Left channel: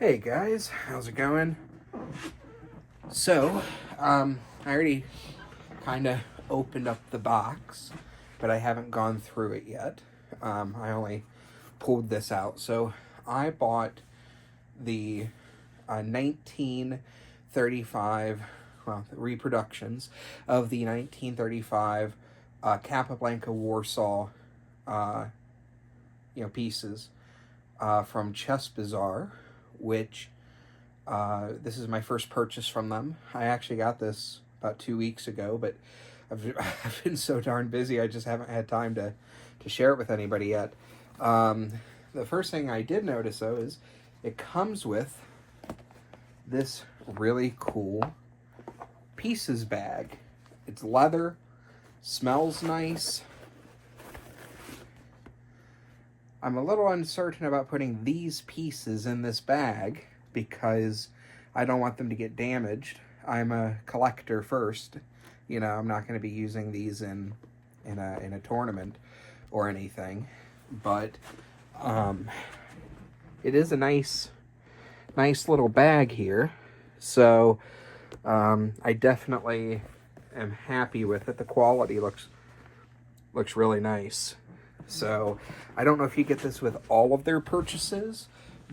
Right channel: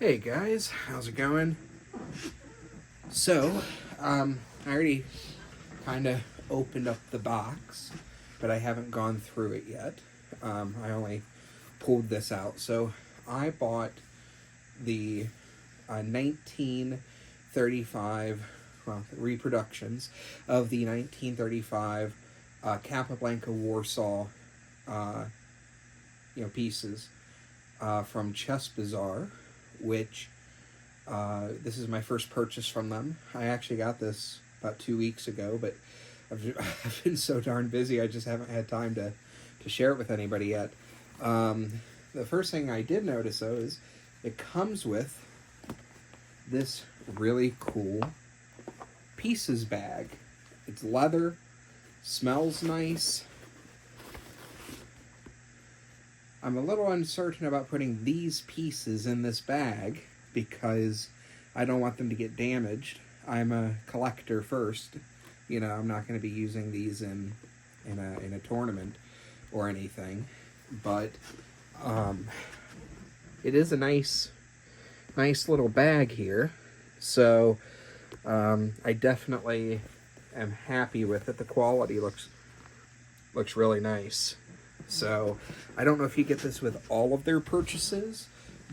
Hey guys, how's it going? So, I already kind of opened up the box, but I haven't gone through it yet. I only pulled this out. So, I bought the 1935, well, reproductions of the 1935 Capablanca Warsaw, uh, pieces from Chess Bazaar, which this is my first purchase from them. I actually got this about 2 weeks ago, but I've been so darn busy, I just haven't had time to share it with anybody yet. The first thing I did notice, though, is it comes with this really cool pieces bag. It's leather, smells nice. I'm a little uncertain about putting these pieces in this bag because I don't want them to get damaged. I'm a collector first. I'm not going to be using these in a tournament or anything. But it is a nice little bag here. So I definitely am happy with it. The quality looks really nice. So I don't know if you get this with all of their purchases,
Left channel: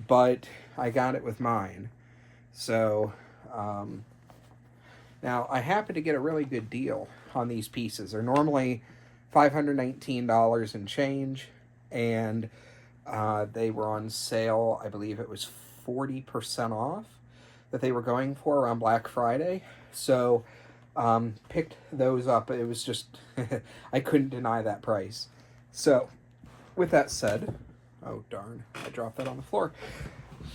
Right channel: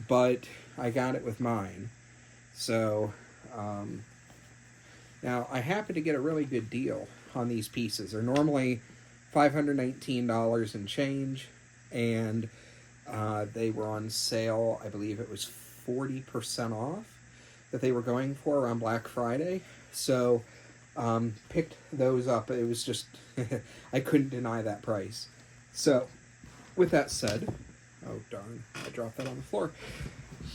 but I got it with mine. So now I happen to get a really good deal on these pieces. They're normally $519 and change, and they were on sale. I believe it was 40% off that they were going for around Black Friday. So picked those up. It was just I couldn't deny that price. So, with that said, oh darn, I dropped that on the floor.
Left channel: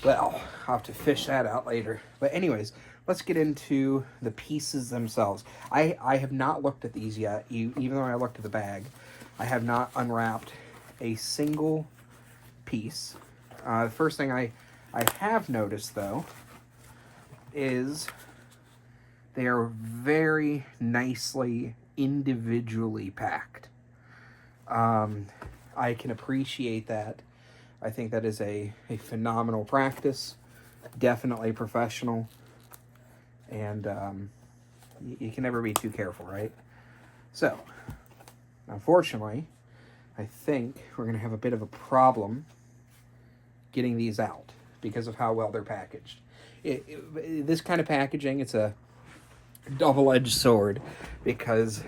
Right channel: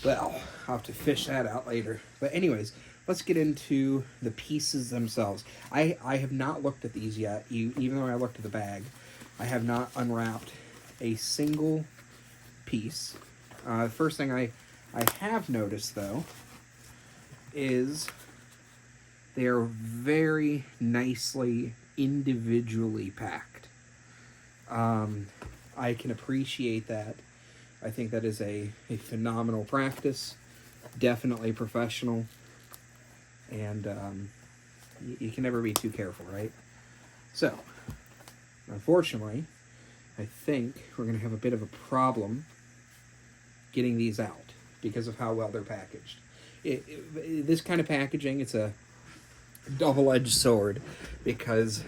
Well, I'll have to fish that out later. But anyways, let's get into the pieces themselves. I have not looked at these yet, even though I looked at the bag. I have not unwrapped a single piece. The first thing I have noticed, though, is they are very nicely individually packed. I can appreciate that. I think that is a phenomenal practice, definitely professional, and you can never be too careful, right? So, unfortunately, I think we're going to have a bit of a problem getting these out because of how well they're packaged. This kind of packaging, it's a double-edged sword because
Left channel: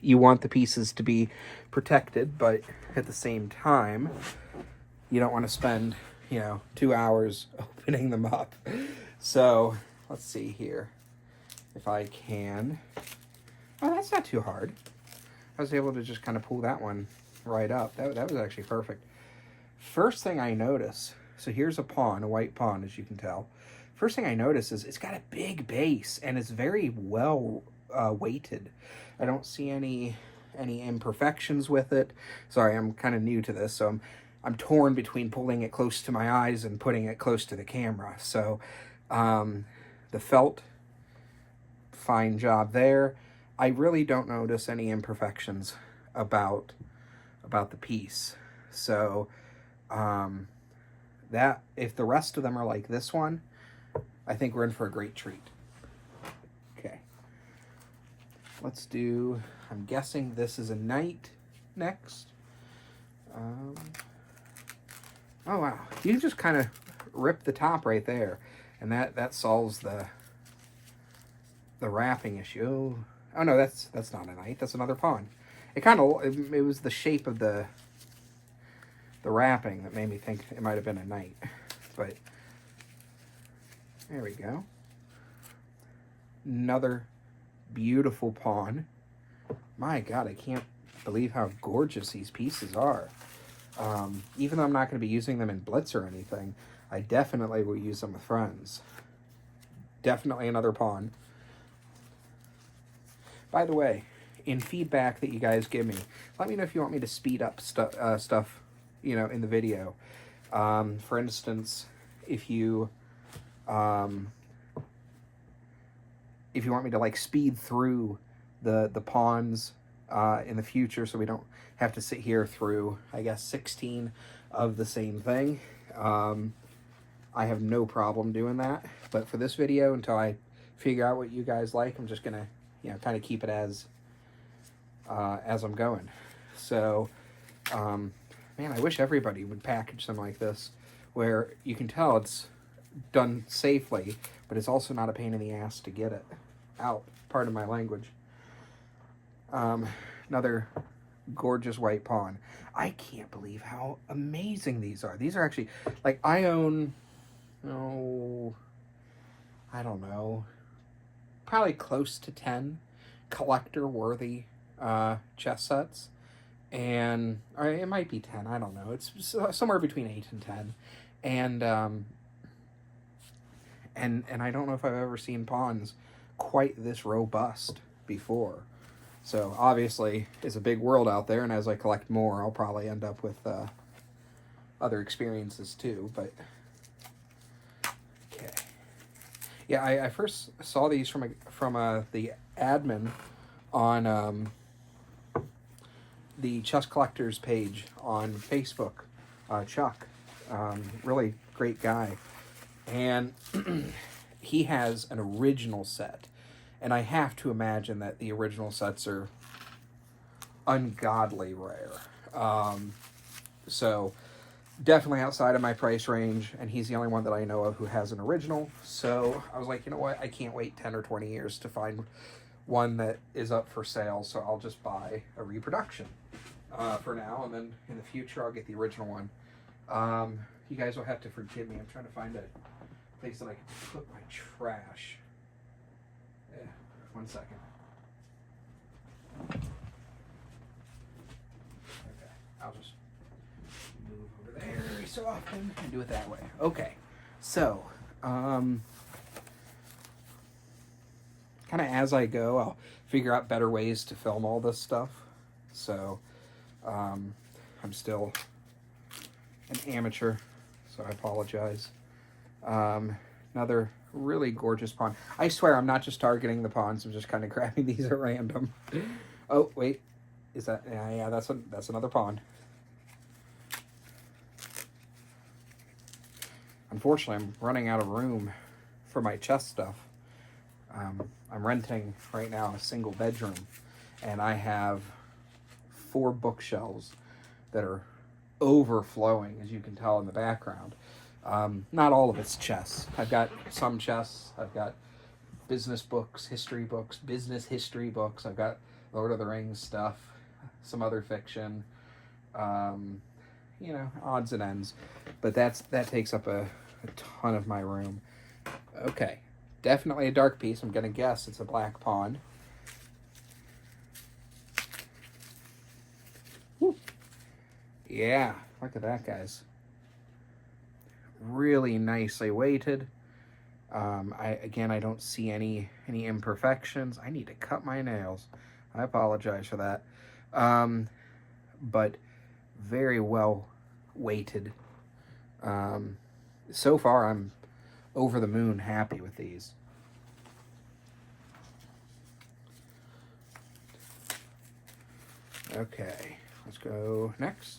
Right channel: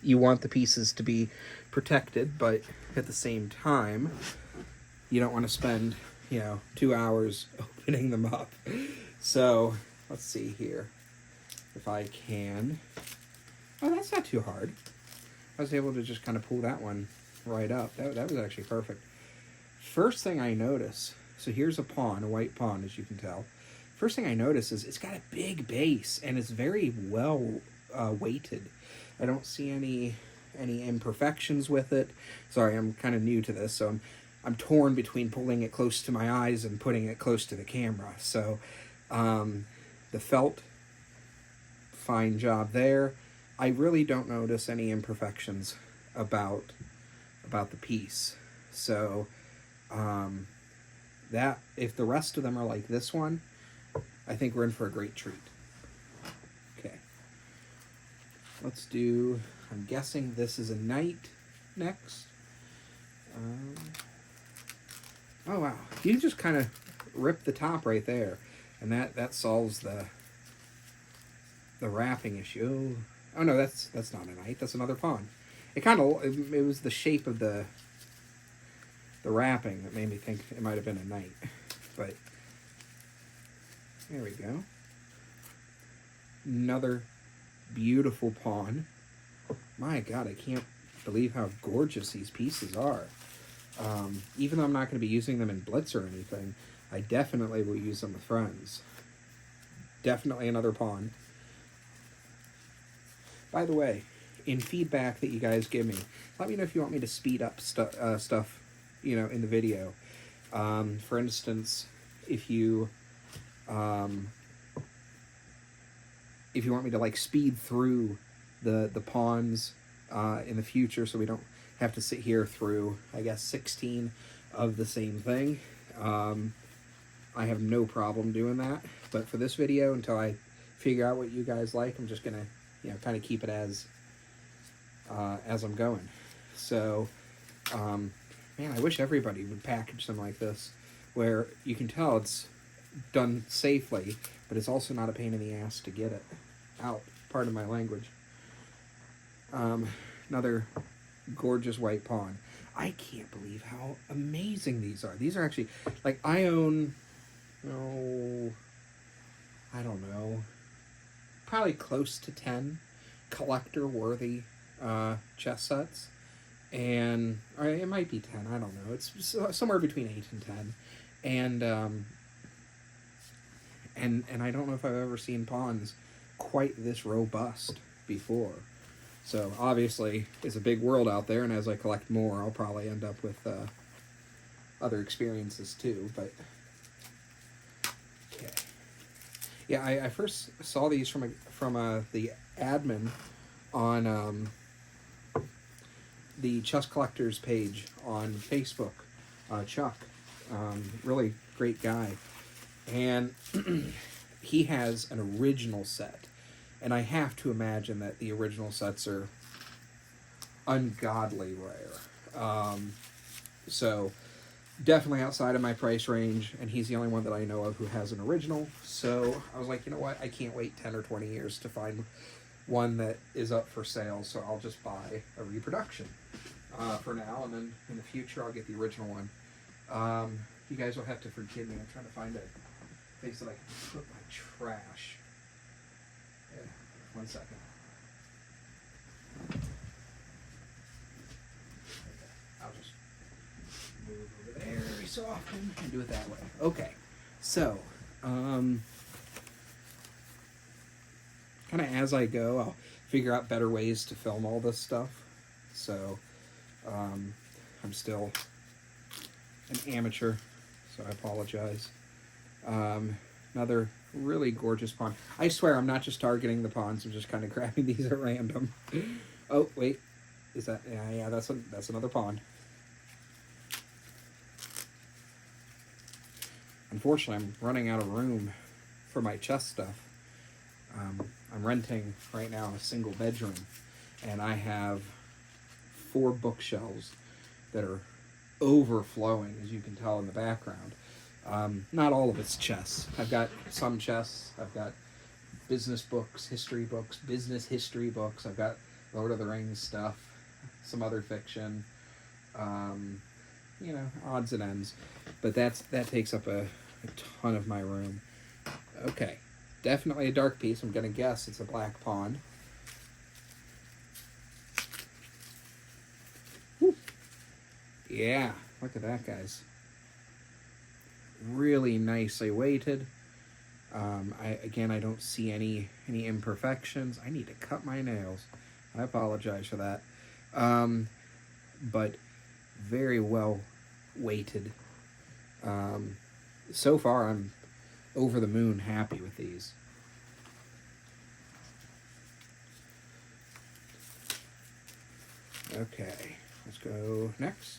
you want the pieces to be protected, but at the same time, you don't want to spend, 2 hours opening them up. So, let's see here. If I can. Oh, that's not too hard. I was able to just kind of pull that one right up. That was actually perfect. First thing I notice, so here's a pawn, a white pawn, as you can tell. First thing I notice is it's got a big base, and it's very well weighted. I don't see any imperfections with it. Sorry, I'm kind of new to this, so I'm torn between pulling it close to my eyes and putting it close to the camera. So the felt, fine job there. I really don't notice any imperfections about the piece. So that if the rest of them are like this one, I think we're in for a great treat. Okay. Let's do, I'm guessing this is a knight next. Oh wow, you just kind of rip the top right there, and that solves the wrapping issue. Oh no, that's not a knight, that's another pawn. It was the shape of the wrapping that made me think it might have been a knight. But there we go. Another beautiful pawn. My God, I can't believe how gorgeous these pieces are. Even though I'm not going to be using them in Blitz or anything, I definitely will use them with friends. Definitely another pawn. By the way, in feedback that you guys give me, let me know if you want me to speed up stuff, in the video. For instance, if you want me to like speed through the pawns in the future, so we don't have to sit here through, I guess, 16 of the same thing. I have no problem doing that. But for this video, until I figure out what you guys like, I'm just gonna, you know, kind of keep it as I'm going. So, man, I wish everybody would package something like this, where you can tell it's done safely, but it's also not a pain in the ass to get it out. Pardon my language. Another gorgeous white pawn. I can't believe how amazing these are. These are actually, like, I own, oh, I don't know, probably close to 10 collector-worthy chess sets. And or it might be 10, I don't know. It's somewhere between 8 and 10. And I don't know if I've ever seen pawns quite this robust before. So obviously, it's a big world out there, and as I collect more, I'll probably end up with other experiences too. But okay, yeah, I first saw these from the admin on the Chess Collectors page on Facebook, Chuck, really great guy, and he has an original set. And I have to imagine that the original sets are ungodly rare. So definitely outside of my price range, and he's the only one that I know of who has an original. So I was like, you know what? I can't wait 10 or 20 years to find one that is up for sale, so I'll just buy a reproduction for now, and then in the future I'll get the original one. You guys will have to forgive me. I'm trying to find a place that I can put my trash. Yeah, 1 second. Okay, I'll just move over there every so often and do it that way. Okay, so kind of as I go, I'll figure out better ways to film all this stuff. So I'm still an amateur, so I apologize. Another really gorgeous pawn. I swear I'm not just targeting the pawns, I'm just kind of grabbing these at random. Oh, wait. Is that... Yeah, that's another pawn. Unfortunately, I'm running out of room for my chess stuff. I'm renting right now a single bedroom, and I have 4 bookshelves that are overflowing, as you can tell in the background. Not all of it's chess. I've got some chess. I've got business books, history books, business history books. I've got Lord of the Rings stuff, some other fiction, you know, odds and ends. But that takes up a ton of my room. Okay, definitely a dark piece. I'm going to guess it's a black pawn. Woo. Yeah, look at that, guys. Really nicely weighted. I don't see any imperfections. I need to cut my nails. I apologize for that. But very well weighted. So far, I'm over the moon happy with these. Okay, let's go next.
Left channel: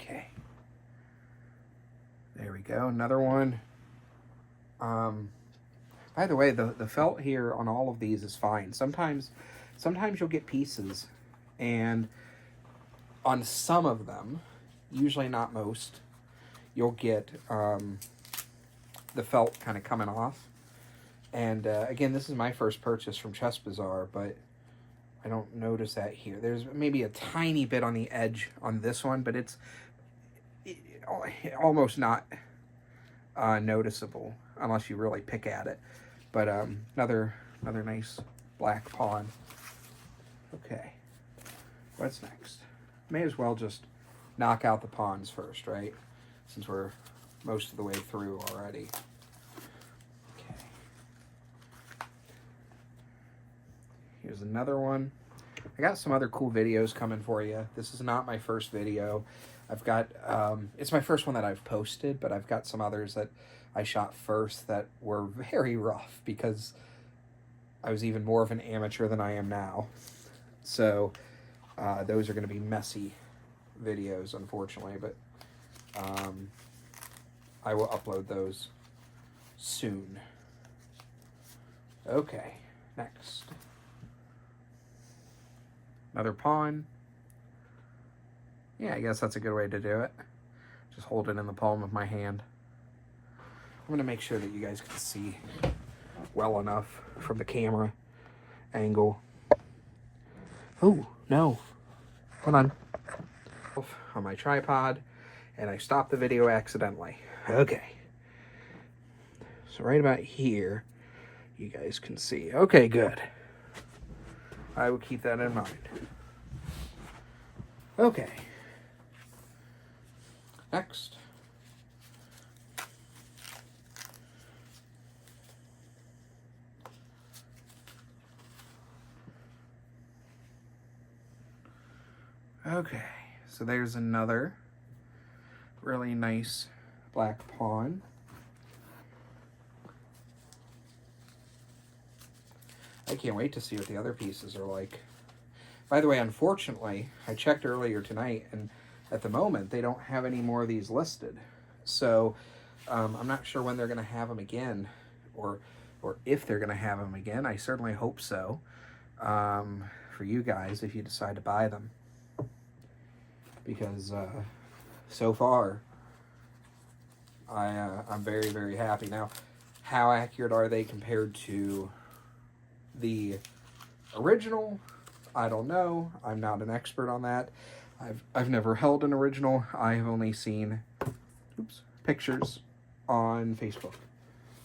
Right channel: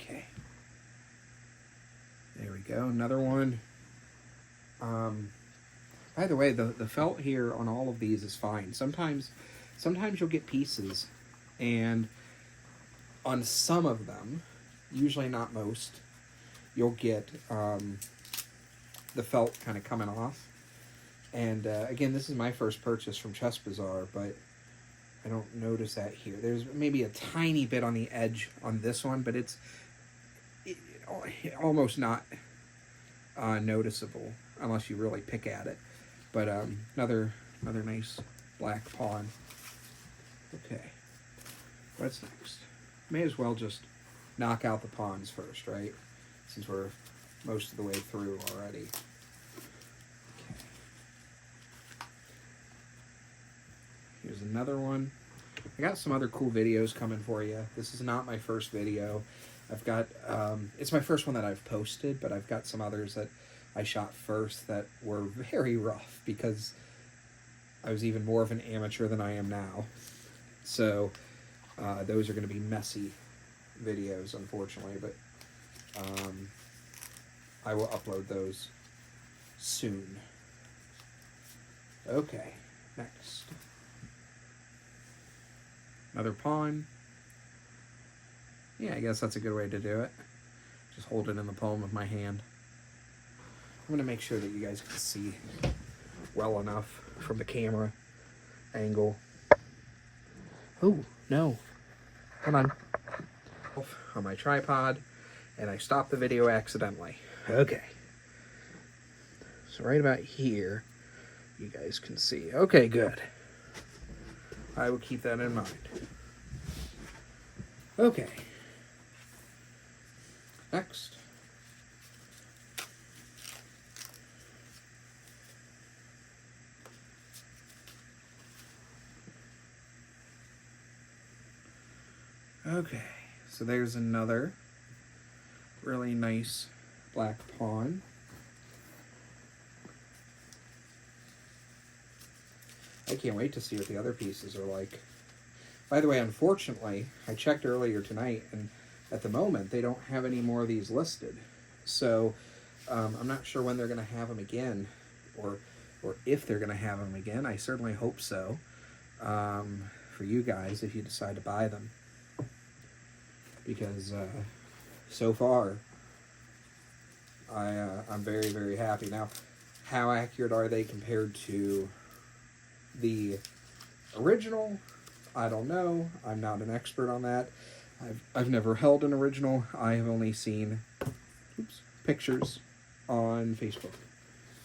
Okay. There we go, another one. By the way, the felt here on all of these is fine. Sometimes you'll get pieces, and on some of them, usually not most, you'll get the felt kind of coming off. And again, this is my first purchase from Chess Bazaar, but I don't notice that here. There's maybe a tiny bit on the edge on this one, but it's almost not noticeable unless you really pick at it. But another nice black pawn. Okay, what's next? May as well just knock out the pawns first, right? Since we're most of the way through already. Okay. Here's another one. I got some other cool videos coming for you. This is not my first video. I've got, it's my first one that I've posted, but I've got some others that I shot first that were very rough because I was even more of an amateur than I am now. So those are going to be messy videos, unfortunately, but I will upload those soon. Okay, next. Another pawn. Yeah, I guess that's a good way to do it. Just hold it in the palm of my hand. I'm gonna make sure that you guys can see well enough from the camera angle. Oh, no. Hold on. On my tripod, and I stopped the video accidentally. Okay. So right about here, you guys can see. Okay, good. I will keep that in mind. Okay. Next. Okay, so there's another really nice black pawn. I can't wait to see what the other pieces are like. By the way, unfortunately, I checked earlier tonight, and at the moment, they don't have any more of these listed. So, I'm not sure when they're going to have them again, or if they're going to have them again. I certainly hope so, for you guys, if you decide to buy them. Because, so far, I'm very, very happy. Now, how accurate are they compared to the original? I don't know. I'm not an expert on that. I've never held an original. I have only seen pictures on Facebook.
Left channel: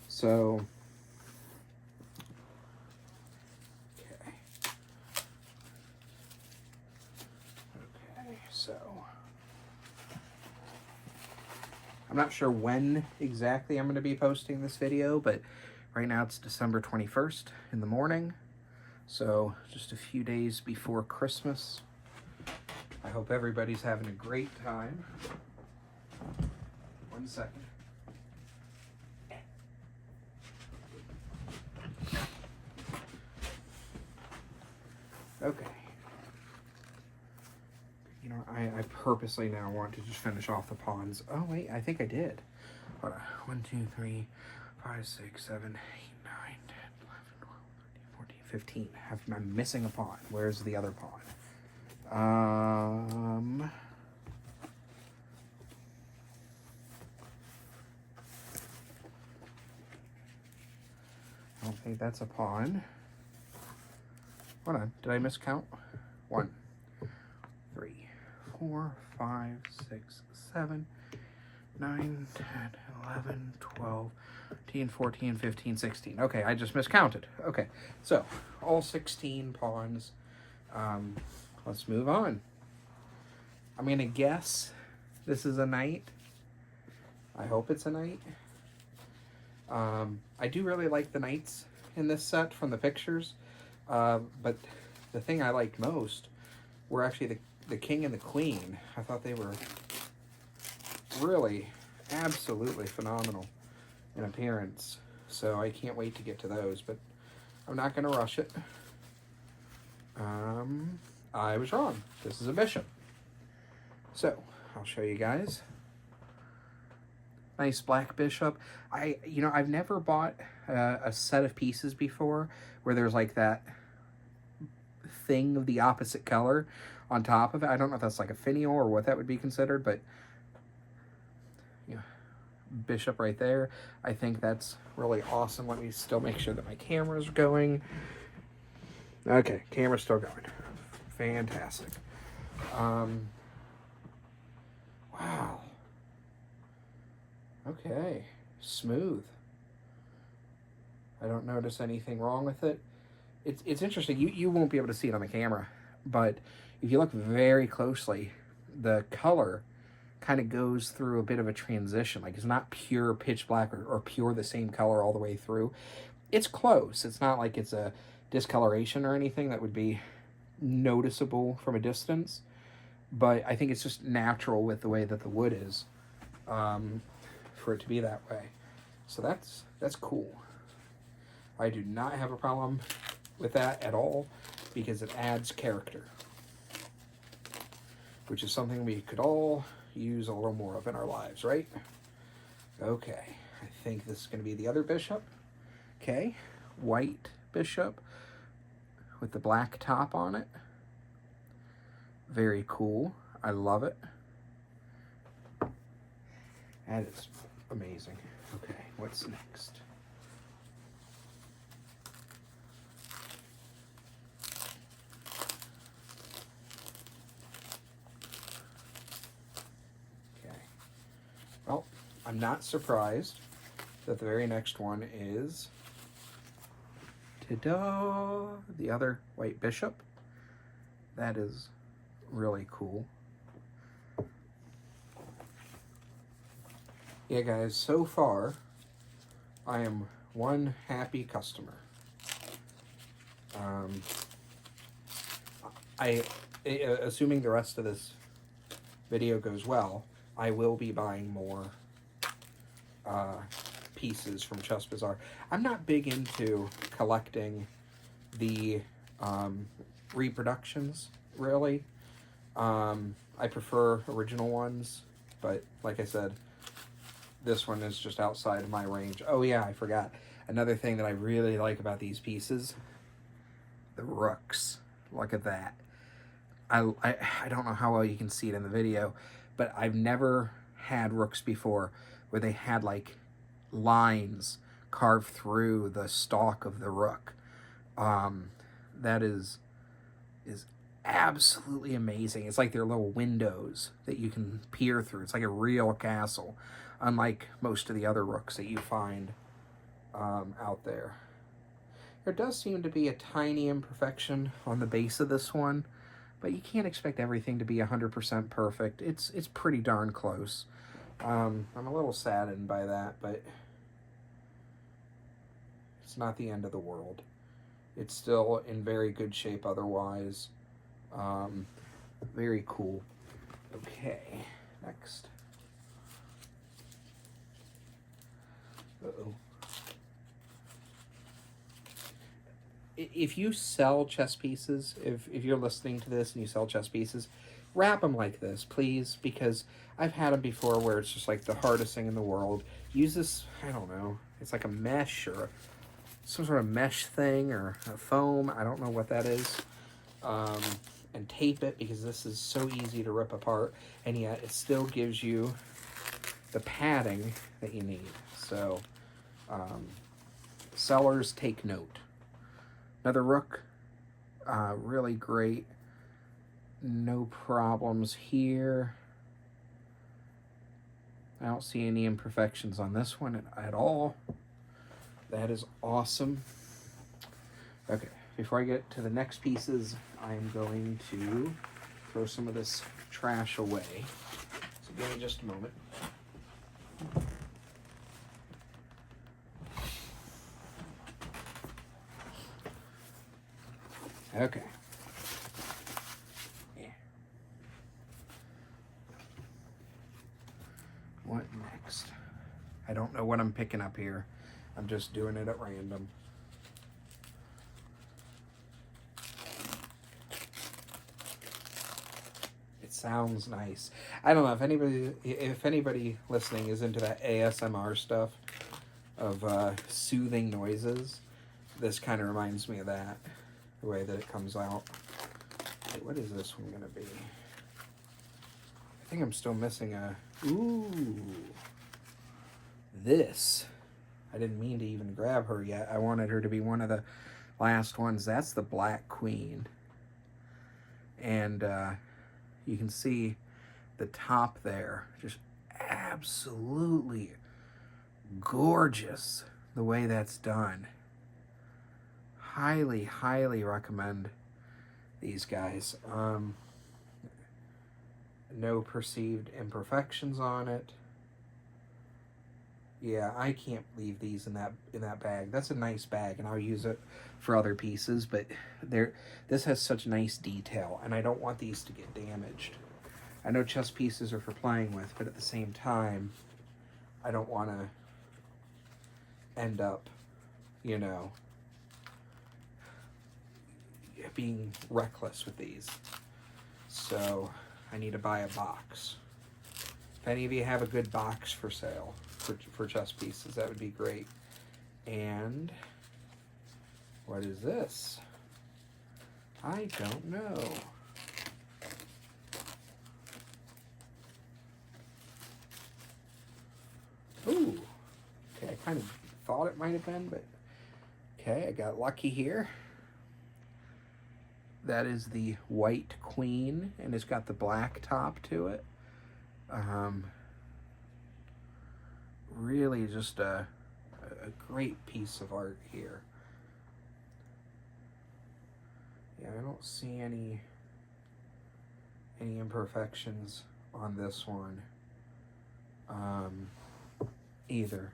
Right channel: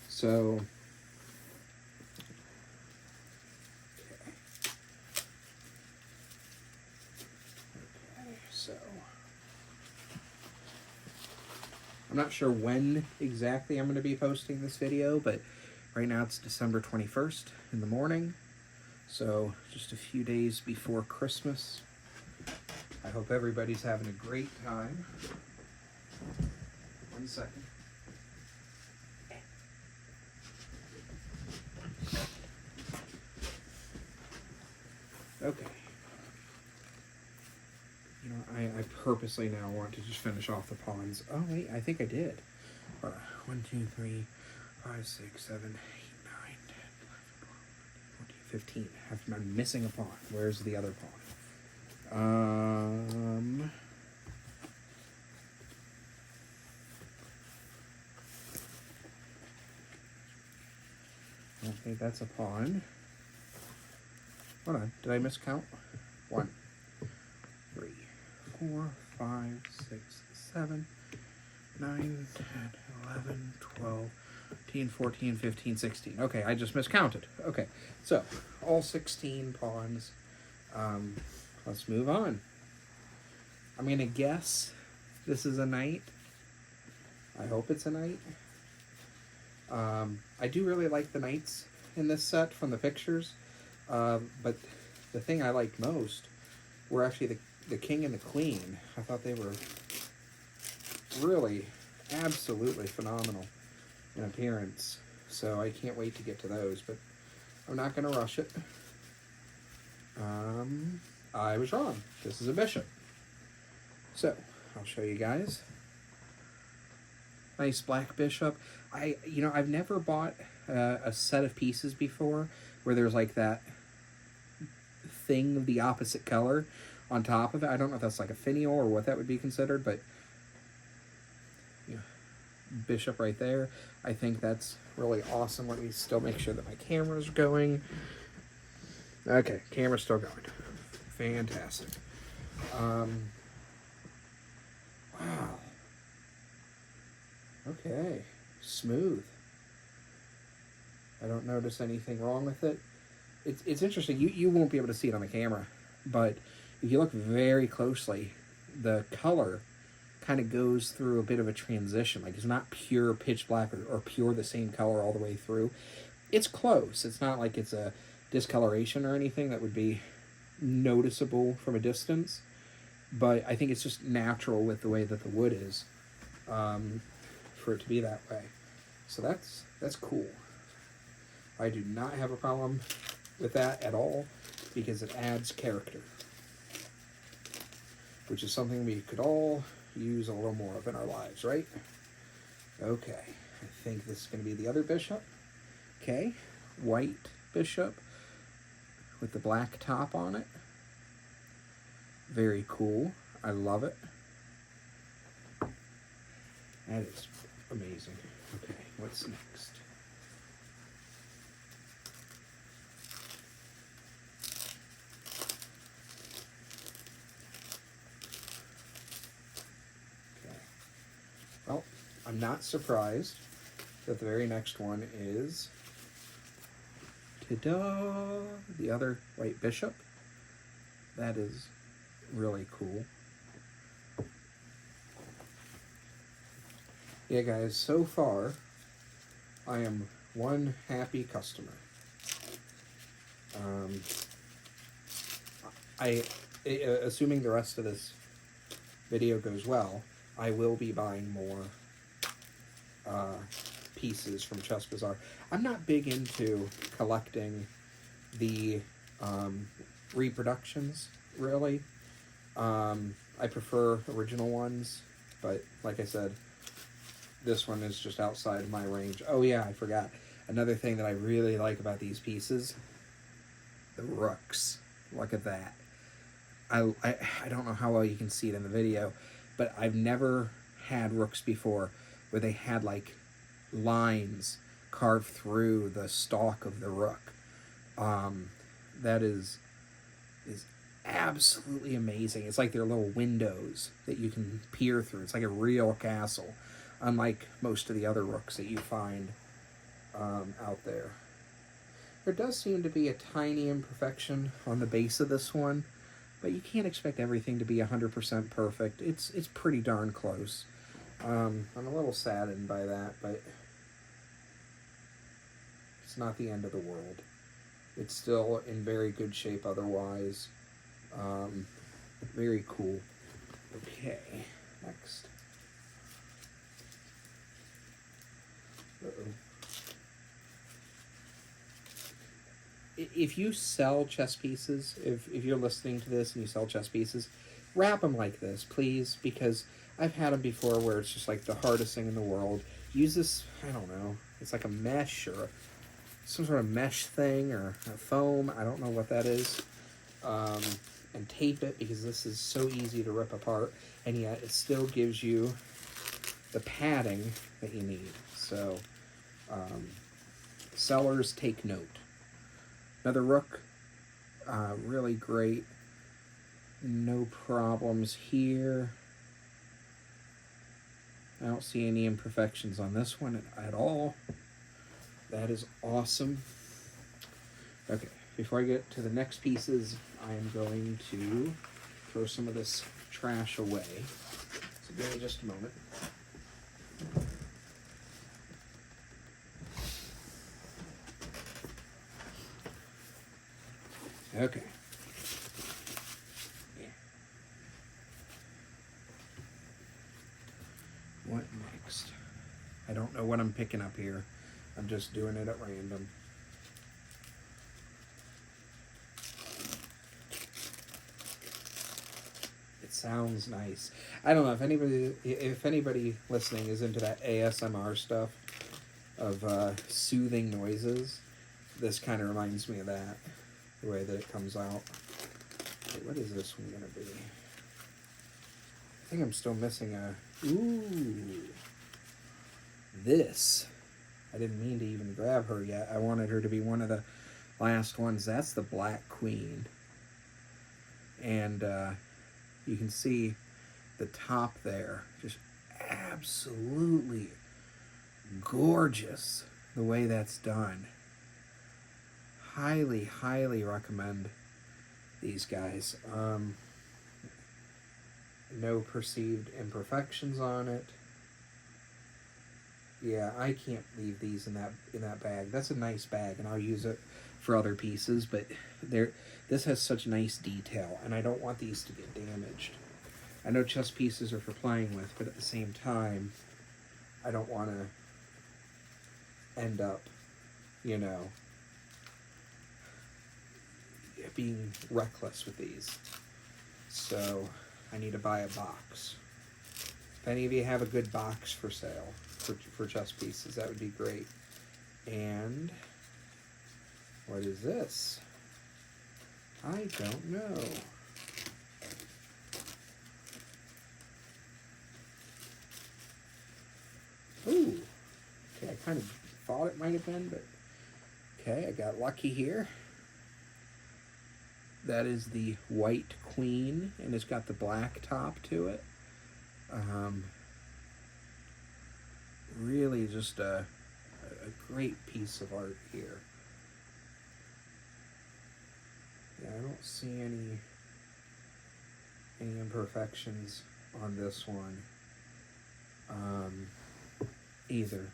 So, so I'm not sure when exactly I'm going to be posting this video, but right now it's December 21st in the morning. So just a few days before Christmas. I hope everybody's having a great time. 1 second. Okay. You know, I purposely now want to just finish off the pawns. Oh wait, I think I did. Hold on. 1, 2, 3, 5, 6, 7, 8, 9, 10, 11, 12, 14, 15. I'm missing a pawn. Where's the other pawn? I don't think that's a pawn. Hold on, did I miscount? 1, 3, 4, 5, 6, 7, 9, 10, 11, 12, 13, 14, 15, 16. Okay, I just miscounted. Okay, so all 16 pawns. Let's move on. I'm going to guess this is a knight. I hope it's a knight. I do really like the knights in this set from the pictures. But the thing I liked most were actually the king and the queen. I thought they were really absolutely phenomenal in appearance. So I can't wait to get to those, but I'm not going to rush it. I was wrong. This is a bishop. So, I'll show you guys. Nice black bishop. I've never bought a set of pieces before where there's like that thing of the opposite color on top of it. I don't know if that's like a finial or what that would be considered, but bishop right there. I think that's really awesome. Let me still make sure that my camera's going. Okay, camera's still going. Fantastic. Wow. Okay, smooth. I don't notice anything wrong with it. It's interesting. You won't be able to see it on the camera, but if you look very closely, the color kind of goes through a bit of a transition. Like, it's not pure pitch black or pure the same color all the way through. It's close. It's not like it's a discoloration or anything that would be noticeable from a distance, but I think it's just natural with the way that the wood is, for it to be that way. So that's cool. I do not have a problem with that at all, because it adds character, which is something we could all use a little more of in our lives, right? Okay, I think this is going to be the other bishop. Okay, white bishop with the black top on it. Very cool. I love it. That is amazing. Okay, what's next? Okay. Well, I'm not surprised that the very next one is, ta-da, the other white bishop. That is really cool. Yeah, guys, so far, I am one happy customer. Assuming the rest of this video goes well, I will be buying more pieces from Chess Bazaar. I'm not big into collecting the reproductions, really. I prefer original ones, but like I said, this one is just outside of my range. Oh yeah, I forgot. Another thing that I really like about these pieces, the rooks. Look at that. I don't know how well you can see it in the video, but I've never had rooks before where they had like lines carved through the stalk of the rook. That is absolutely amazing. It's like they're little windows that you can peer through. It's like a real castle, unlike most of the other rooks that you find out there. There does seem to be a tiny imperfection on the base of this one, but you can't expect everything to be 100% perfect. It's pretty darn close. I'm a little saddened by that, but it's not the end of the world. It's still in very good shape otherwise. Very cool. Okay, next. Uh-oh. If you sell chess pieces, if you're listening to this and you sell chess pieces, wrap them like this, please, because I've had them before where it's just like the hardest thing in the world. Use this, I don't know, it's like a mesh or some sort of mesh thing or a foam, I don't know what that is, and tape it, because this is so easy to rip apart, and yet it still gives you the padding that you need. So, sellers, take note. Another rook, really great, no problems here. I don't see any imperfections on this one at all. That is awesome. Okay, before I get to the next pieces, I am going to throw some of this trash away. So give me just a moment. Okay. Yeah. What next? I don't know what I'm picking up here. I'm just doing it at random. It sounds nice. I don't know if anybody listening is into that ASMR stuff of soothing noises. This kind of reminds me of that. The way that it comes out. Wait, what is this one gonna be? I think I'm still missing a... Ooh. This. I didn't mean to even grab her yet. I wanted her to be one of the last ones. That's the Black Queen. And you can see the top there. Just absolutely gorgeous the way that's done. Highly, highly recommend these guys. No perceived imperfections on it. Yeah, I can't leave these in that bag. That's a nice bag, and I'll use it for other pieces, but this has such nice detail, and I don't want these to get damaged. I know chess pieces are for playing with, but at the same time, I don't want to end up, you know, being reckless with these. So I need to buy a box. If any of you have a good box for sale for chess pieces, that would be great. And what is this? I don't know. Ooh. Okay, I kind of thought it might have been, but okay, I got lucky here. That is the white queen, and it's got the black top to it. Really just a great piece of art here. Yeah, I don't see any imperfections on this one either.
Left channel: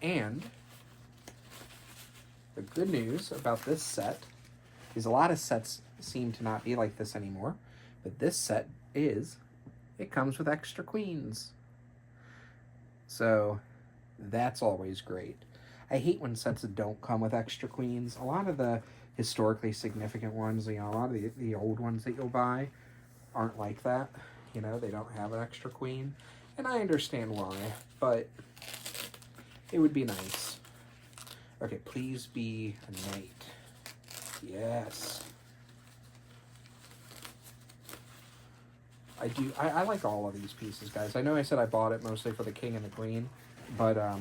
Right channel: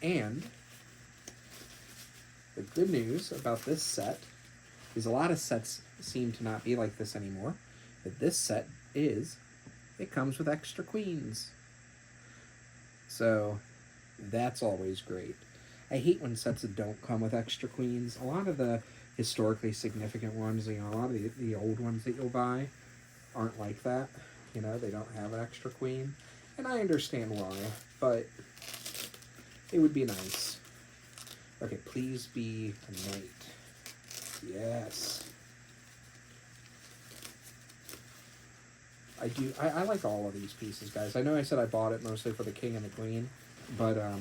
And the good news about this set is a lot of sets seem to not be like this anymore, but this set it comes with extra queens. So that's always great. I hate when sets don't come with extra queens. A lot of the historically significant ones, a lot of the old ones that you'll buy aren't like that. They don't have an extra queen. And I understand why, but it would be nice. Okay, please be a knight. Yes. I like all of these pieces, guys. I know I said I bought it mostly for the king and the queen, but I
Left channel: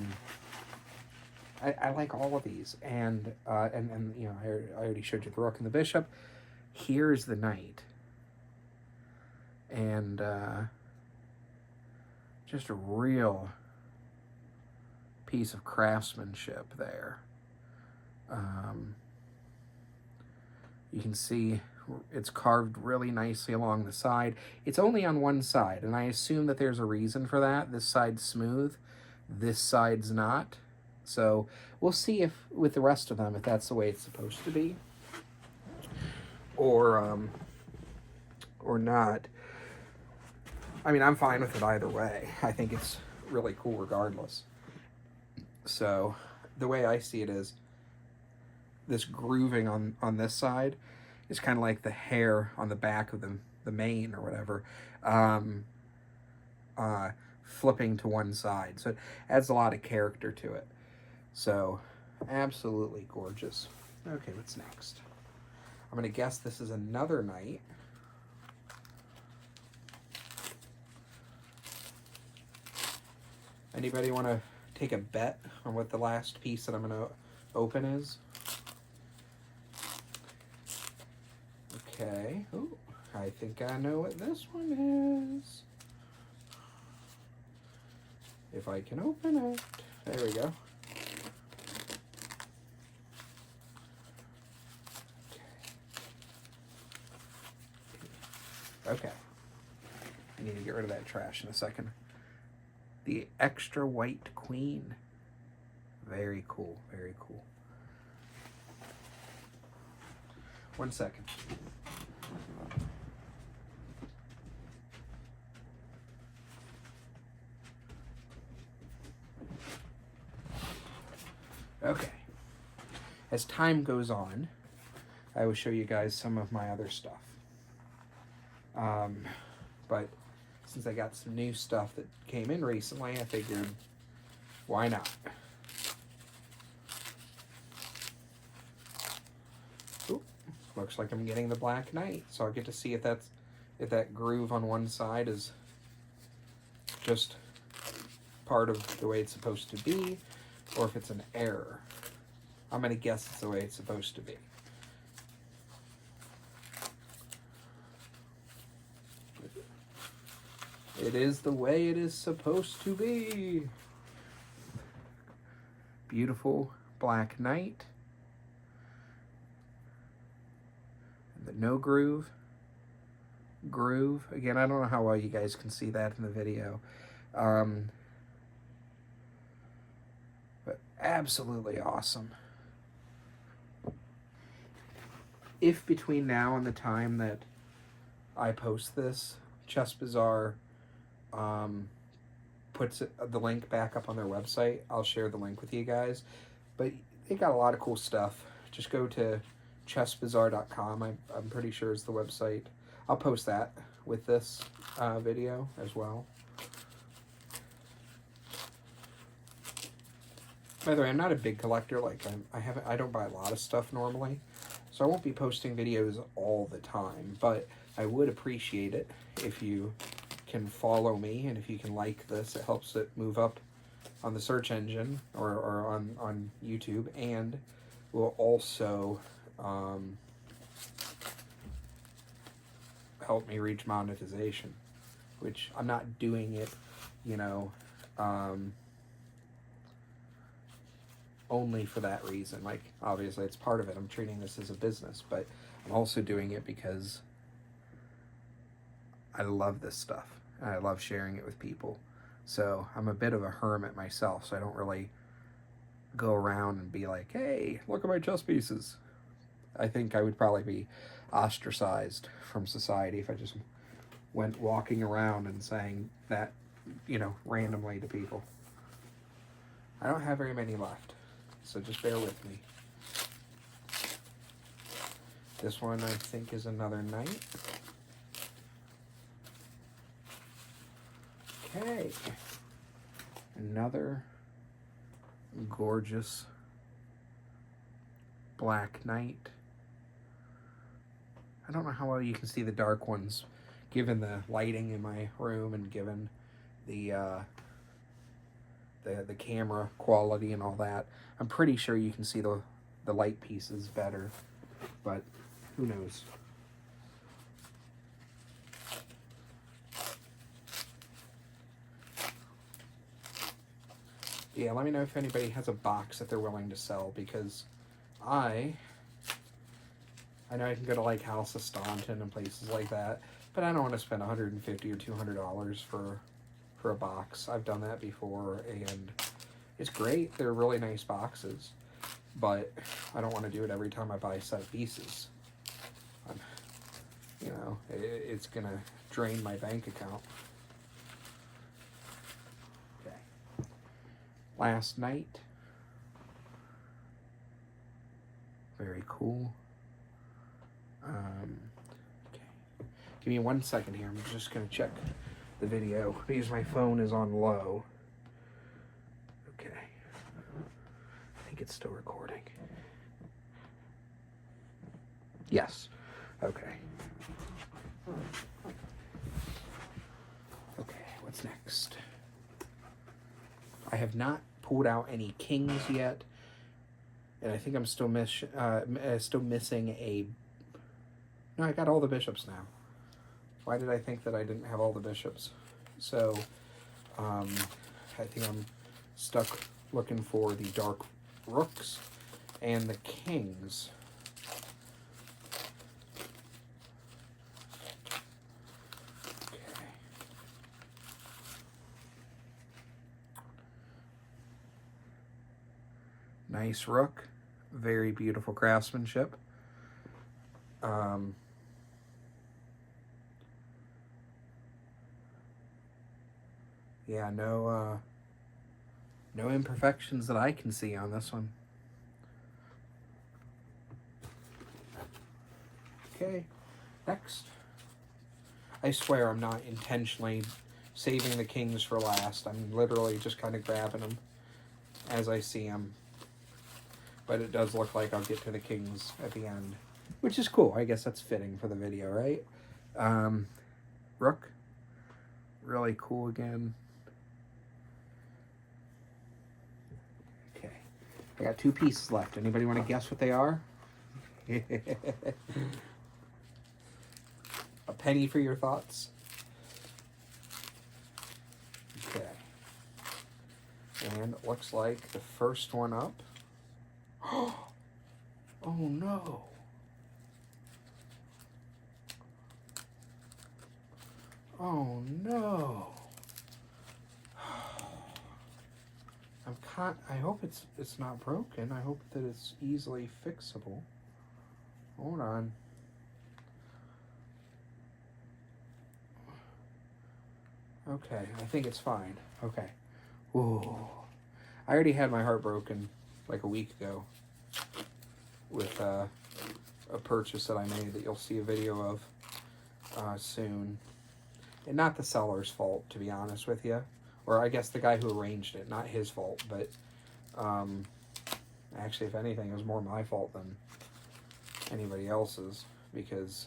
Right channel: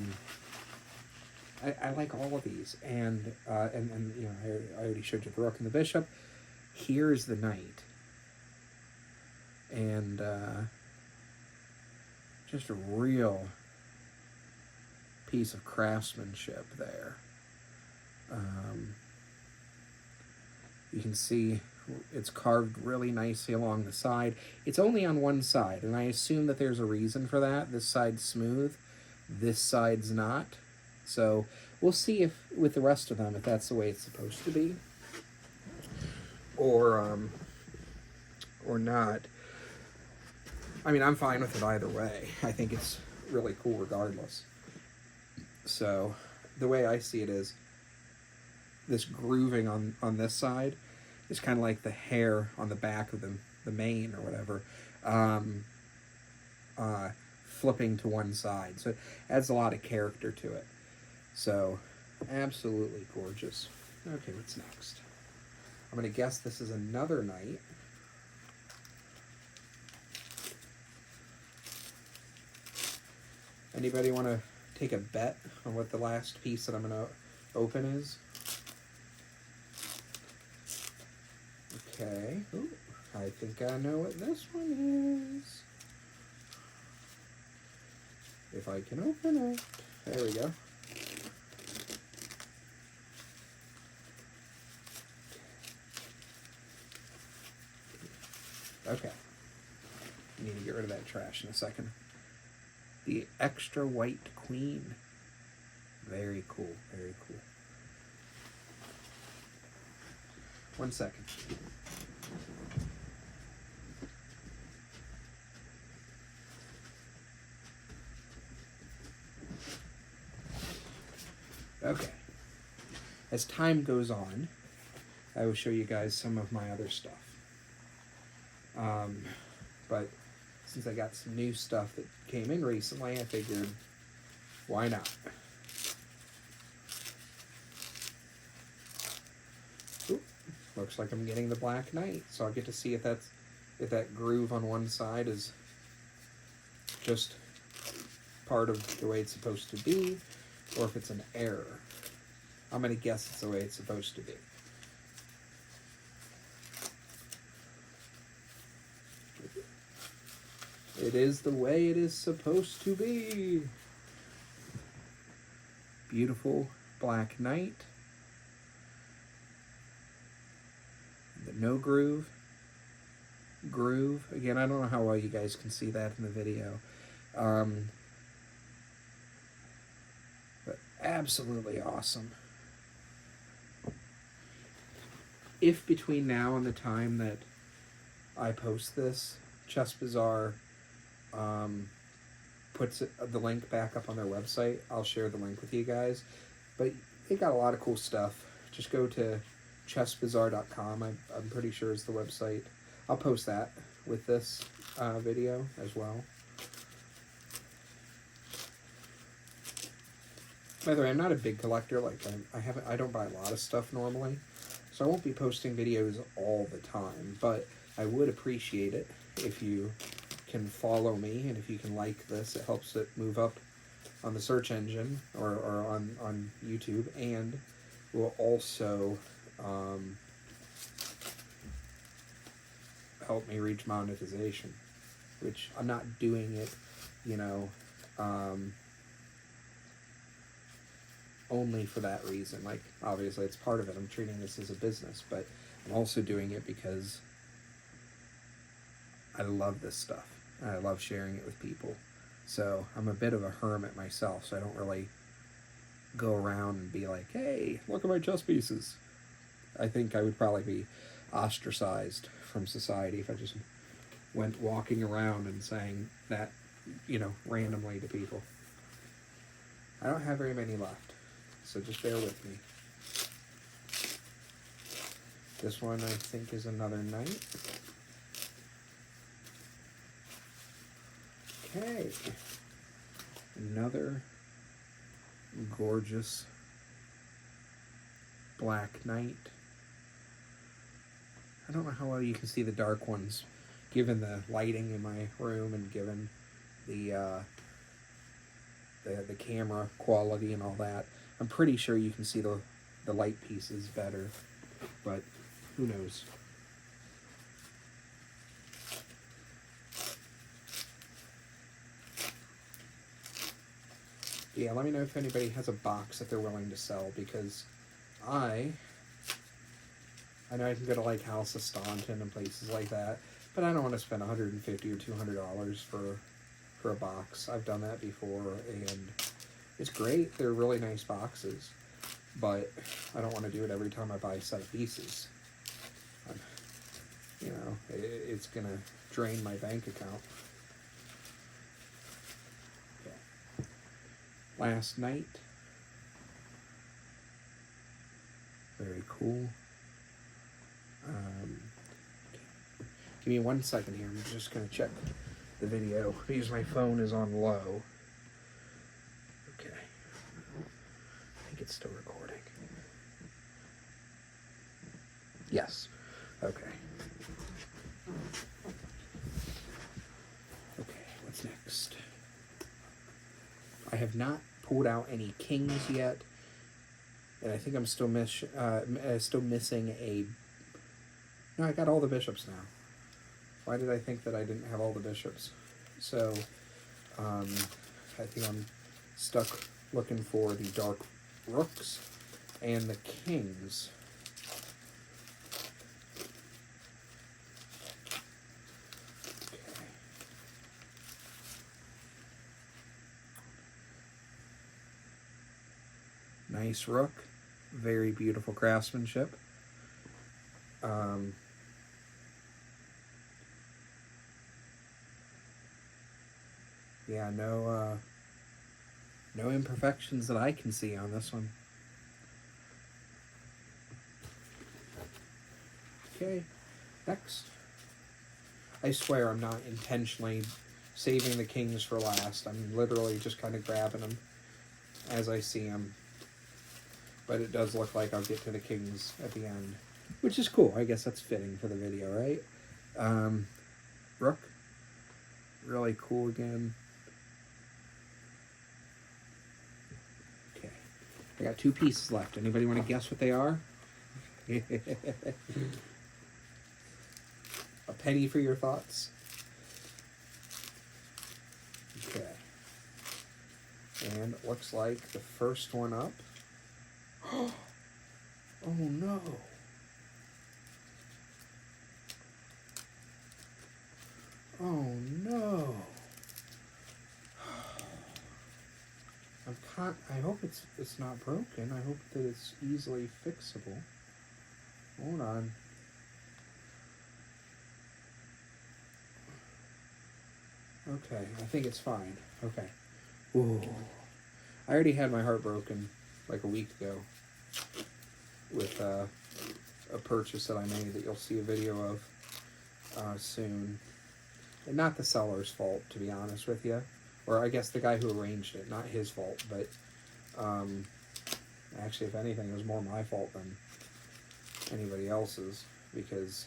like all of these. And I already showed you the rook and the bishop. Here's the knight. And just a real piece of craftsmanship there. You can see it's carved really nicely along the side. It's only on one side, and I assume that there's a reason for that. This side's smooth, this side's not. So we'll see if with the rest of them if that's the way it's supposed to be, or not. I mean, I'm fine with it either way. I think it's really cool regardless. So the way I see it is this grooving on this side is kind of like the hair on the back of the mane or whatever, flipping to one side. So it adds a lot of character to it. So absolutely gorgeous. Okay, what's next? I'm going to guess this is another knight. Anybody want to take a bet on what the last piece that I'm going to open is? Okay. Ooh, I think I know what this one is. If I can open it. There we go. Okay. I need to get rid of that trash in a second. The extra white queen. Very cool, very cool. 1 second. Okay. As time goes on, I will show you guys some of my other stuff. But since I got some new stuff that came in recently, I figured, why not? Ooh, looks like I'm getting the Black Knight, so I'll get to see if that groove on one side is just part of the way it's supposed to be, or if it's an error. I'm going to guess it's the way it's supposed to be. It is the way it is supposed to be. Beautiful Black Knight. The no groove. Groove. Again, I don't know how well you guys can see that in the video. But absolutely awesome. If between now and the time that I post this, Chess Bazaar puts the link back up on their website. I'll share the link with you guys. But they got a lot of cool stuff. Just go to chessbazaar.com. I'm pretty sure is the website. I'll post that with this video as well. By the way, I'm not a big collector. Like I don't buy a lot of stuff normally, so I won't be posting videos all the time. But I would appreciate it if you can follow me and if you can like this. It helps it move up on the search engine or on YouTube, and will also help me reach monetization, which I'm not doing it, only for that reason. Like, obviously it's part of it. I'm treating this as a business, but I'm also doing it because I love this stuff and I love sharing it with people. So I'm a bit of a hermit myself, so I don't really go around and be like, hey, look at my chess pieces. I think I would probably be ostracized from society if I just went walking around and saying that, randomly to people. I don't have very many left, so just bear with me. This one I think is another knight. Okay, another gorgeous black knight. I don't know how well you can see the dark ones, given the lighting in my room and given the camera quality and all that. I'm pretty sure you can see the light pieces better, but who knows? Yeah, let me know if anybody has a box that they're willing to sell, because I know I can go to like House of Staunton and places like that, but I don't want to spend $150 or $200 for a box. I've done that before, and it's great. They're really nice boxes, but I don't want to do it every time I buy a set of pieces. It's gonna drain my bank account. Last night. Very cool. Give me 1 second here. I'm just going to check the video because my phone is on low. Okay. I think it's still recording. Yes. Okay. Okay, what's next? I have not pulled out any kings yet, and I think I'm still missing a. No, I got all the bishops now. Why did I think that I didn't have all the bishops? So, I think I'm stuck looking for the dark rooks and the kings. Nice rook, very beautiful craftsmanship. Yeah, no imperfections that I can see on this one. Okay, next. I swear I'm not intentionally saving the kings for last. I'm literally just kind of grabbing them as I see them. But it does look like I'll get to the kings at the end, which is cool. I guess that's fitting for the video, right? Rook, really cool again. Okay, I got 2 pieces left. Anybody want to guess what they are? A penny for your thoughts. Okay, and it looks like the first one up. Oh no. Oh no. I hope it's not broken. I hope that it's easily fixable. Hold on. Okay, I think it's fine. Okay. Ooh. I already had my heart broken like a week ago with a purchase that I made that you'll see a video of soon. And not the seller's fault, to be honest with you. Or I guess the guy who arranged it, not his fault, but actually, if anything, it was more my fault than anybody else's, because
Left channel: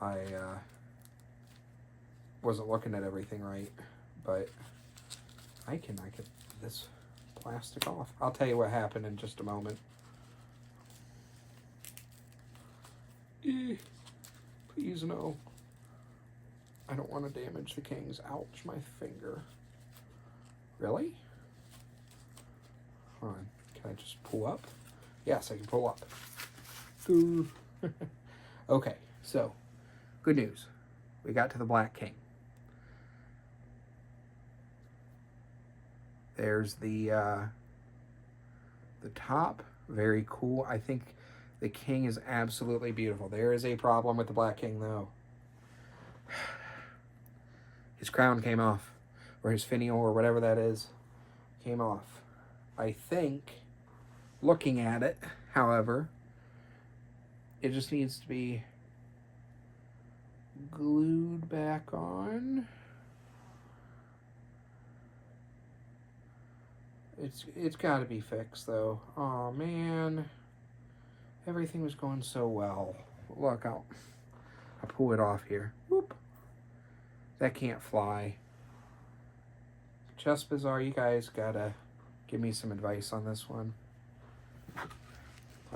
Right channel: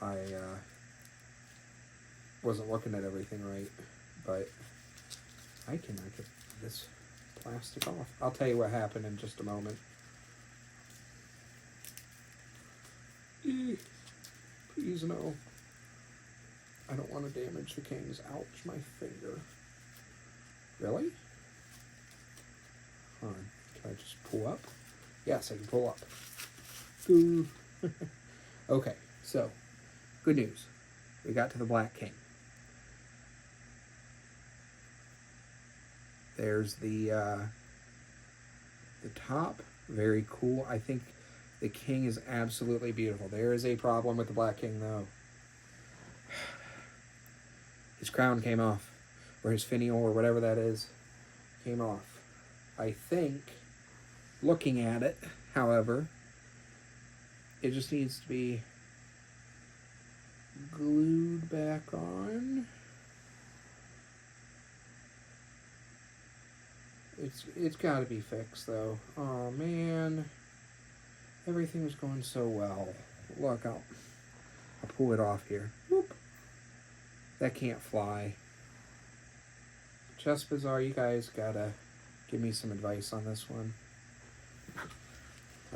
I wasn't looking at everything right. But I can get this plastic off. I'll tell you what happened in just a moment. Please no. I don't want to damage the kings. Ouch, my finger. Really? Hold on. Can I just pull up? Yes, I can pull up. Okay, so, good news. We got to the black king. There's the top. Very cool. I think the king is absolutely beautiful. There is a problem with the black king, though. His crown came off, or his finial, or whatever that is, came off. I think, looking at it, however, it just needs to be glued back on. It's got to be fixed, though. Oh, man. Everything was going so well. Look, I'll pull it off here. Whoop. That can't fly. Chess Bazaar, you guys gotta give me some advice on this one.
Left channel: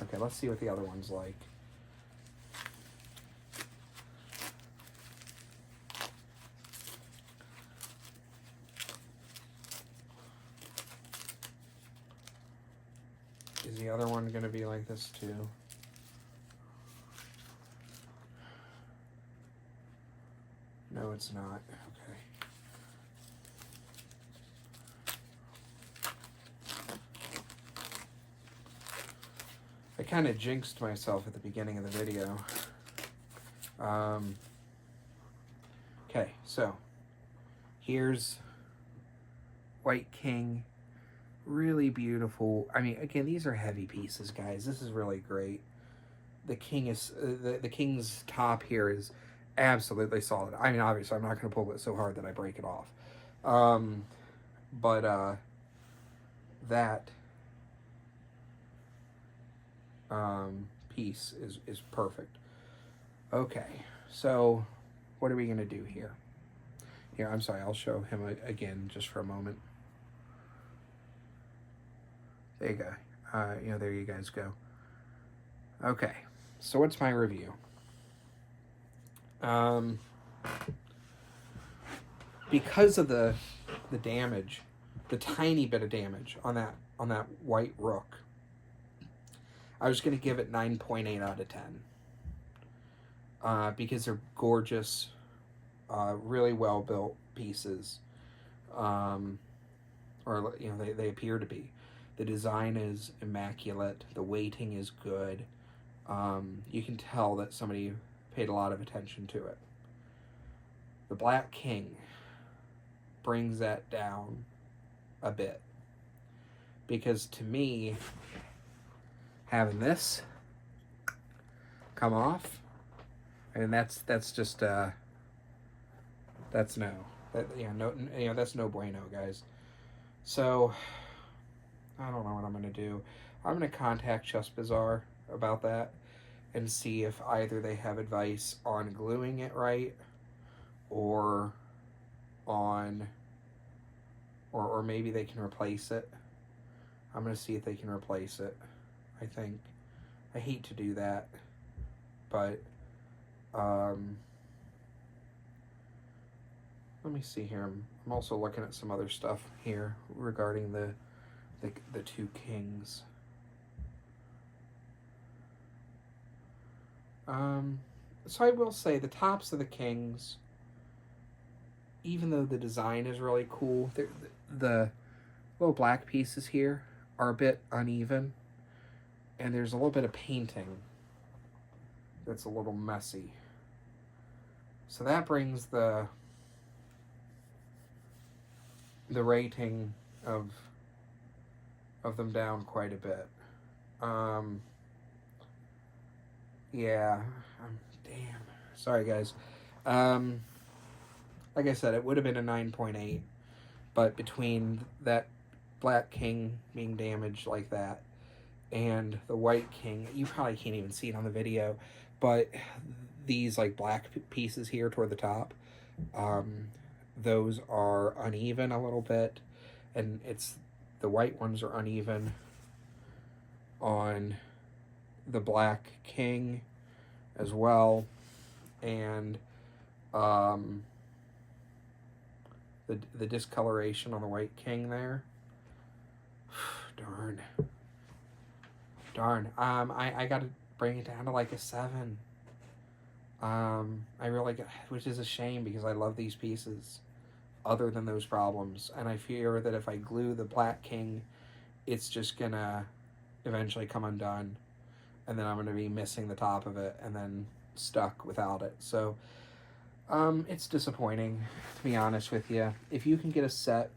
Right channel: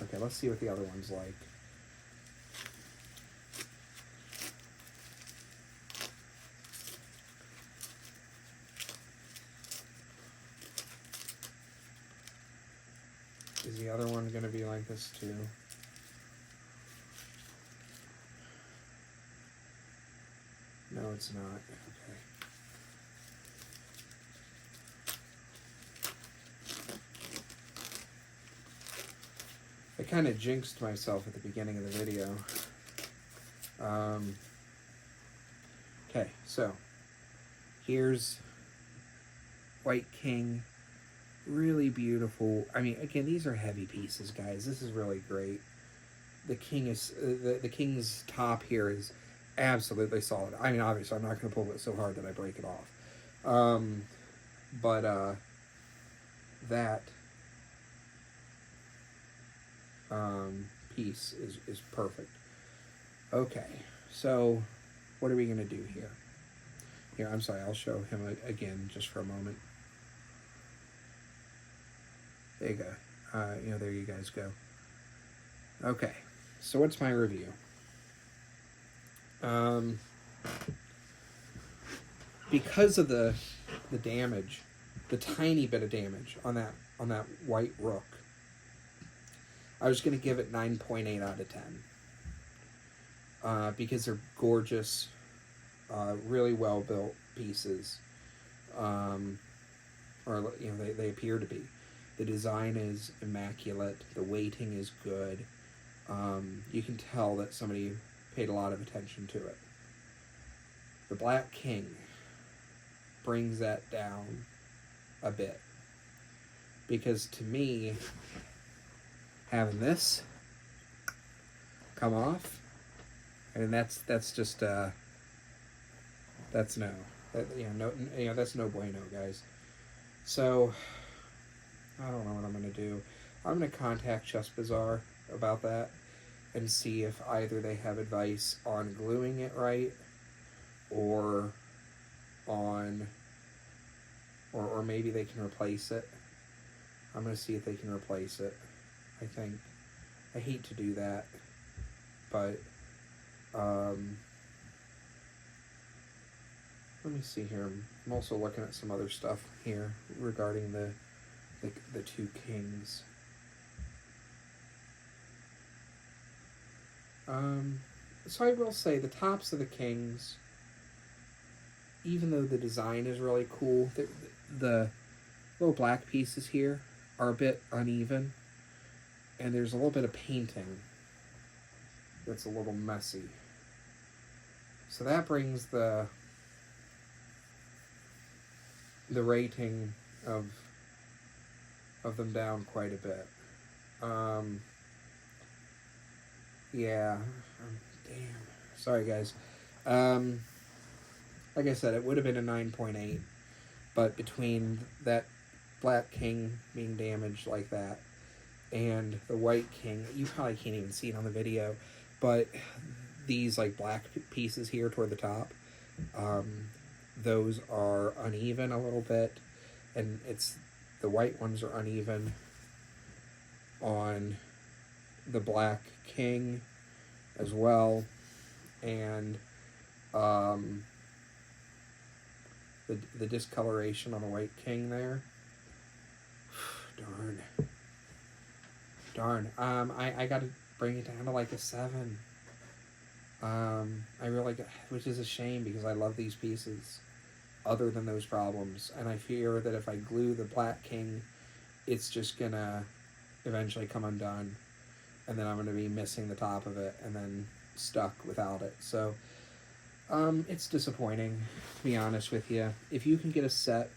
Okay, let's see what the other one's like. Is the other one gonna be like this too? No, it's not. Okay. I kind of jinxed myself at the beginning of the video. Okay, so here's White King. Really beautiful. I mean, again, these are heavy pieces, guys. This is really great. The king is the king's top here is absolutely solid. I mean, obviously, I'm not going to pull it so hard that I break it off. But that piece is perfect. Okay, so what are we going to do here? Yeah, I'm sorry. I'll show him again just for a moment. There you go. There you guys go. Okay, so what's my review? Because of the damage, the tiny bit of damage on that white rook, I was going to give it 9.8 out of 10. Because they're gorgeous, really well built pieces, or they appear to be. The design is immaculate. The weighting is good. You can tell that somebody paid a lot of attention to it. The Black King brings that down a bit, because to me, having this come off, and that's just that's no, that's no bueno, guys. So I don't know what I'm gonna do. I'm gonna contact Chess Bazaar about that and see if either they have advice on gluing it right, or maybe they can replace it. I'm gonna see if they can replace it. I hate to do that, but let me see here. I'm also looking at some other stuff here regarding the two kings. So I will say the tops of the kings, even though the design is really cool, the little black pieces here are a bit uneven, and there's a little bit of painting that's a little messy. So that brings the the rating of them down quite a bit. Yeah, damn. Sorry, guys. Like I said, it would have been a 9.8, but between that black king being damaged like that and the white king, you probably can't even see it on the video, but these like black pieces here toward the top, those are uneven a little bit, and the white ones are uneven on the black king as well, and the discoloration on the white king there. Darn. I gotta bring it down to like a 7. I really, which is a shame because I love these pieces other than those problems, and I fear that if I glue the black king, it's just gonna eventually come undone, and then I'm gonna be missing the top of it and then stuck without it. So it's disappointing, to be honest with you. If you can get a set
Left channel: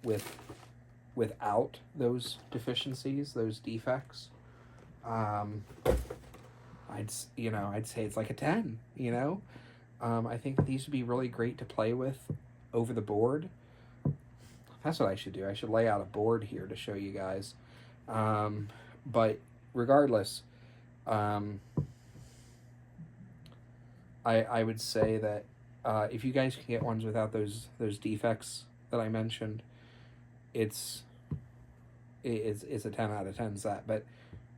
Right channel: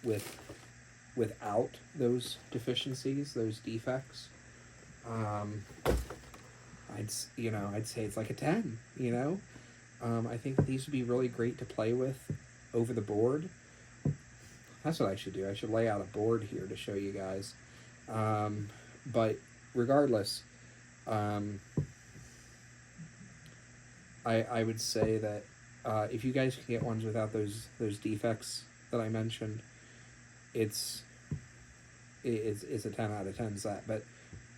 without those deficiencies, those defects, I'd say it's like a 10, you know? I think these would be really great to play with over the board. That's what I should do. I should lay out a board here to show you guys. But regardless, I would say that if you guys can get ones without those defects that I mentioned, it's a 10 out of 10 set. But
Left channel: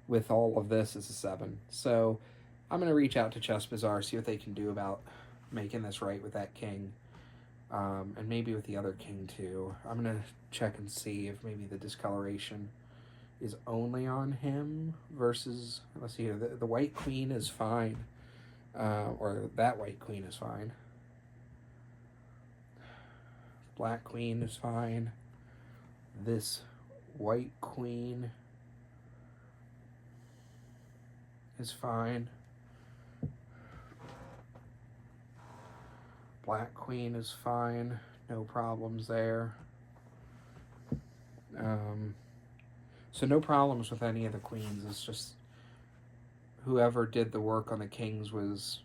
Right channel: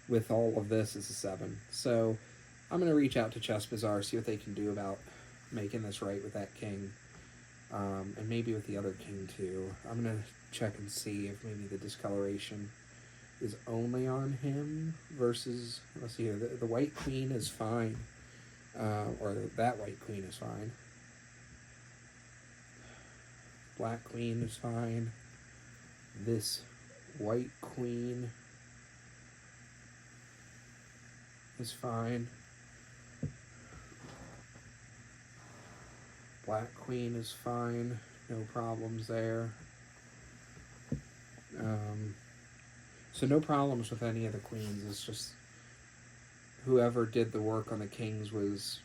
with all of this, it's a 7. So I'm going to reach out to Chess Bazaar, see what they can do about making this right with that king. And maybe with the other king too. I'm going to check and see if maybe the discoloration is only on him versus, let's see here, the white queen is fine. Or that white queen is fine. Black queen is fine. This white queen is fine. Black queen is fine. No problems there. So no problems with any of the queens. It's just whoever did the work on the kings was,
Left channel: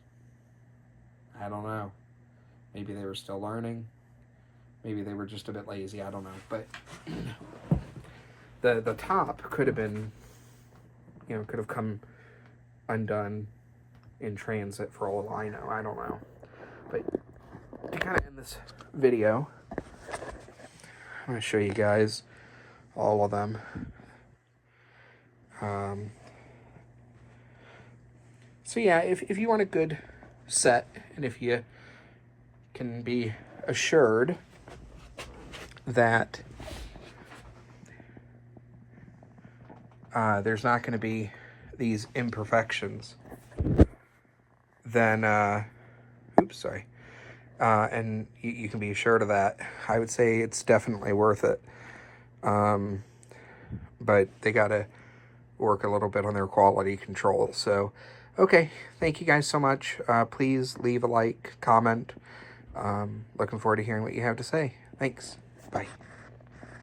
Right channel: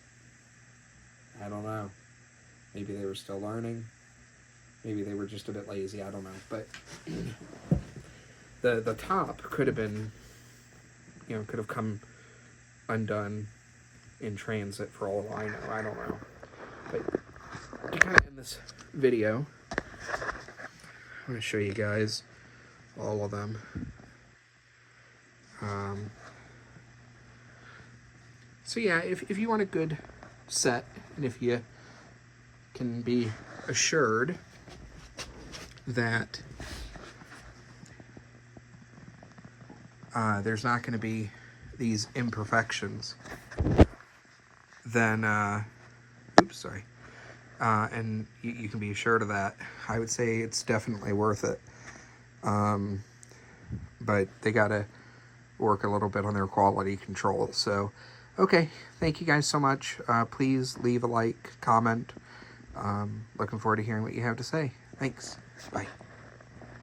I don't know. Maybe they were still learning. Maybe they were just a bit lazy. I don't know. But the top could have been, could have come undone in transit for all I know. I don't know. But to kind of end this video, I'm going to show you guys all of them. So yeah, if you want a good set, and if you can be assured that there's not going to be these imperfections, then and you can be assured of that, I would say it's definitely worth it. But they got to work a little bit on their quality control. So, okay, thank you guys so much. Please leave a like, comment. Looking forward to hearing what you have to say. Thanks. Bye.